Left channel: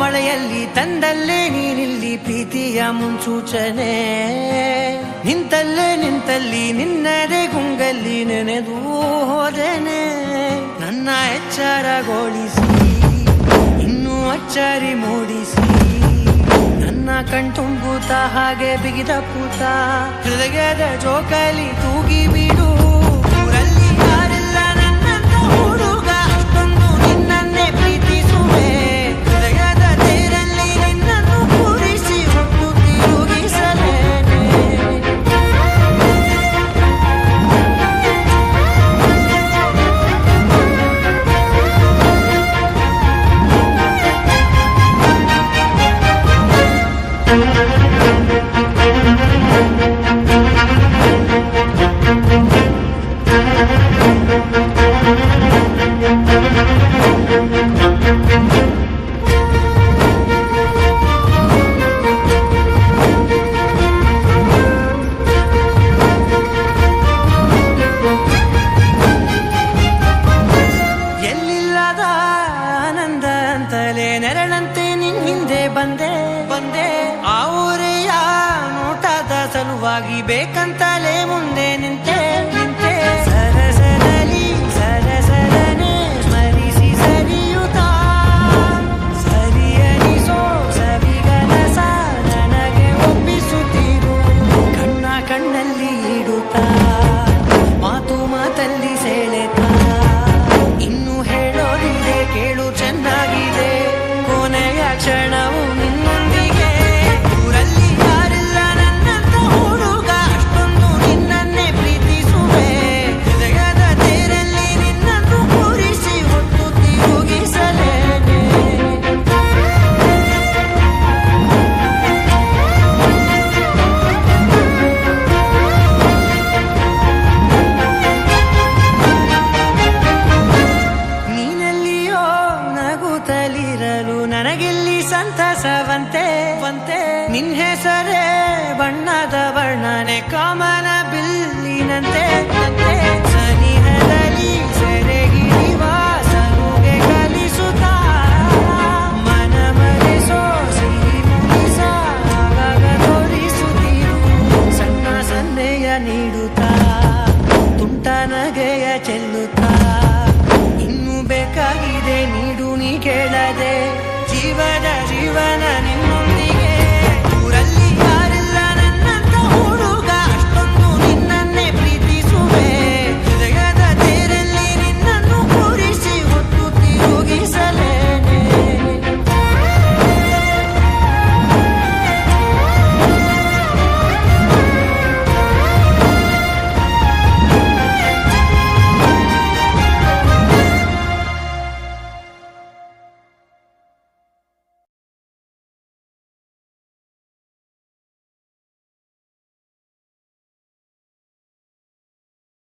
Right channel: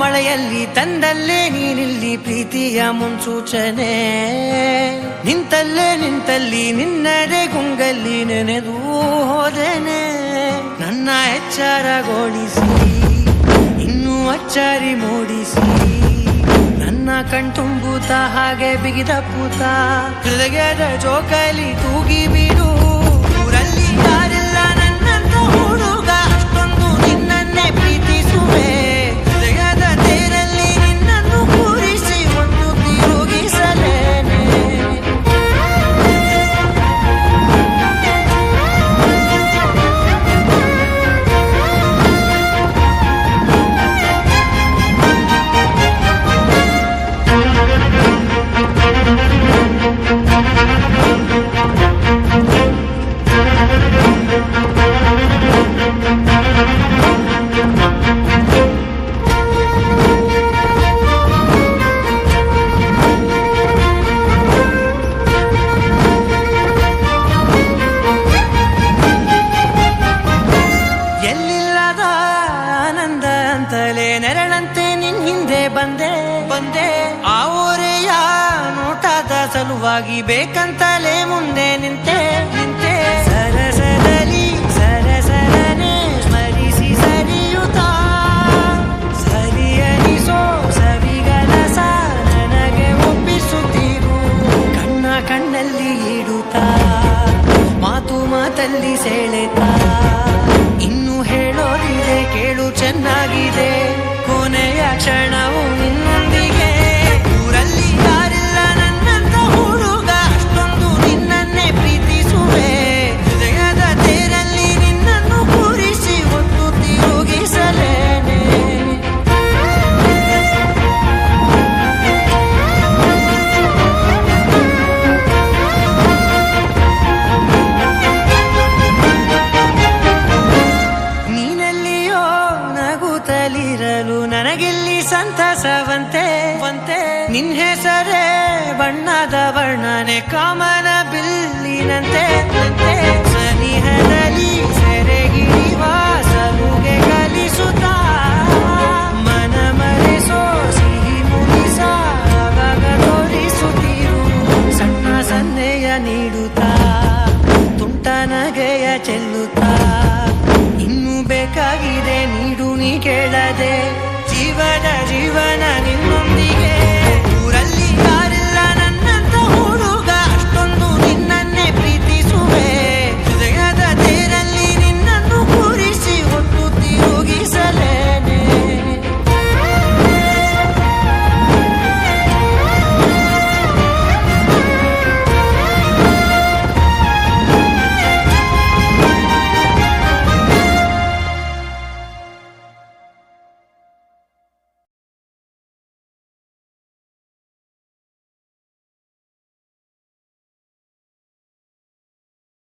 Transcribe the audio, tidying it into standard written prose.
ಮಳೆಯಲ್ಲಿ ತಂದಲ್ಲೇ ನೀನಿಲ್ಲಿ ಪ್ರೀತಿಯ ಮುನ್ಸೂಚನೆ, ನಿಂತಲ್ಲಿ ನಿನ್ನದೇ ಗುಂಗಲ್ಲಿ ನೆನೆದು ಹೋದೆನೆ. ನನ್ನ ಎಚ್ಚರಗೊಳಿಸಿ ಇನ್ನೂ ಅಚ್ಚರಿ ಮೂಡಿಸಿ, ನನ್ನ ಕಣ್ತುಂಬುತ್ತ ಹಾಗೆ ಬಿಗಿದ ಪೂತ ಹೃದಯದ ಜೋಕಾಲಿ ತೂಗಿ ಬಿಡು. ಊರಲ್ಲಿ ಯಾರಿಲ್ಲ ನನ್ನಂತ ಹುಡುಗ, ಅಷ್ಟೊಂದು ನಿನ್ನನ್ನೇ ಪ್ರೀತಿಸುವೆ. ಹೃದಯದ ತೇರಲ್ಲಿ ನಿನ್ನನ್ನು ಕೂರಿಸಿ ಹೊತ್ತು ತಿರುಗಿಸಲೇನೆ. ಎಲ್ಲಿಲ್ಲದ ಆನಂದ ಅಂತಲೇ ನೆರಳಂತೆ ನಿನ್ ಹಿಂದೆ ಬಂದೆ. ಆ ಊರೆಯ ನೋಟದ ಸಲುವಾಗಿ ಬೇಕಂತಲೇ ಮುಂದೆ ನಿಂತೆ. ಸರಸದಲ್ಲಿ ಸರಸರನೆ ಸ್ಮರಿಸಿ ಸರಿಯುತ್ತ, ಸರಿಯನಿಸೋ ಸವಿಗನಸ ನನಗೆ ಒಪ್ಪಿಸುತ್ತೀರು. ಕಣ್ಣಲ್ಲಿ ಇಡುತ್ತಾ ಮಾತಲ್ಲಿ ಸೆಳೆತಾ, ಇನ್ನು ಹೇಳೋದಿದೆ ಕೇಳು ಚೆನ್ನಾಗಿದೆ, ಕೊನೆಯ ಕ್ಷಣವು ನಿನ್ನೊಂದಿಗೆ. ಊರಲ್ಲಿ ಯಾರಿಲ್ಲ ನನ್ನಂತ ಹುಡುಗ, ಅಷ್ಟೊಂದು ನಿನ್ನನ್ನೇ ಪ್ರೀತಿಸುವೆ. ಹೃದಯದ ತೇರಲ್ಲಿ ನಿನ್ನನ್ನು ಕೂರಿಸಿ ಹೊತ್ತು ತಿರುಗಿಸಲೇನೆ. ನಗುತ್ತಲಿರಲು ನನಗಿಲ್ಲಿ ಸಂತಸವಂತೆ. ನಿನ್ ಹೆಸರೇ ಬಣ್ಣದ ವರ್ಣನೆ ಕಾಮನ ಬಿಲ್ಲಿನಂತೆ. ಸನಿಹದಲ್ಲಿ ಸೆರೆ ಹಿಡಿವ ಸಲುಗೆ ಕಲಿಸುತ್ತಾ, ಮನ ಮರೆಸೋ ಸಿಹಿ ಮುನಿಸ ಆಗಾಗ ತೋರಿಸುತ್ತೀರು. ಸಣ್ಣ ಸನ್ನೆಯ ನೀಡುತ್ತಾ ತುಂಟ ನಗೆಯ ಚೆಲ್ಲುತ್ತಾ, ಇನ್ನು ಬೇಕಾಗಿದೆ ನೀಡು ನೀ ಕೇಳದೆ, ಜೀವನ ನಿನ್ನೊಂದಿಗೆ.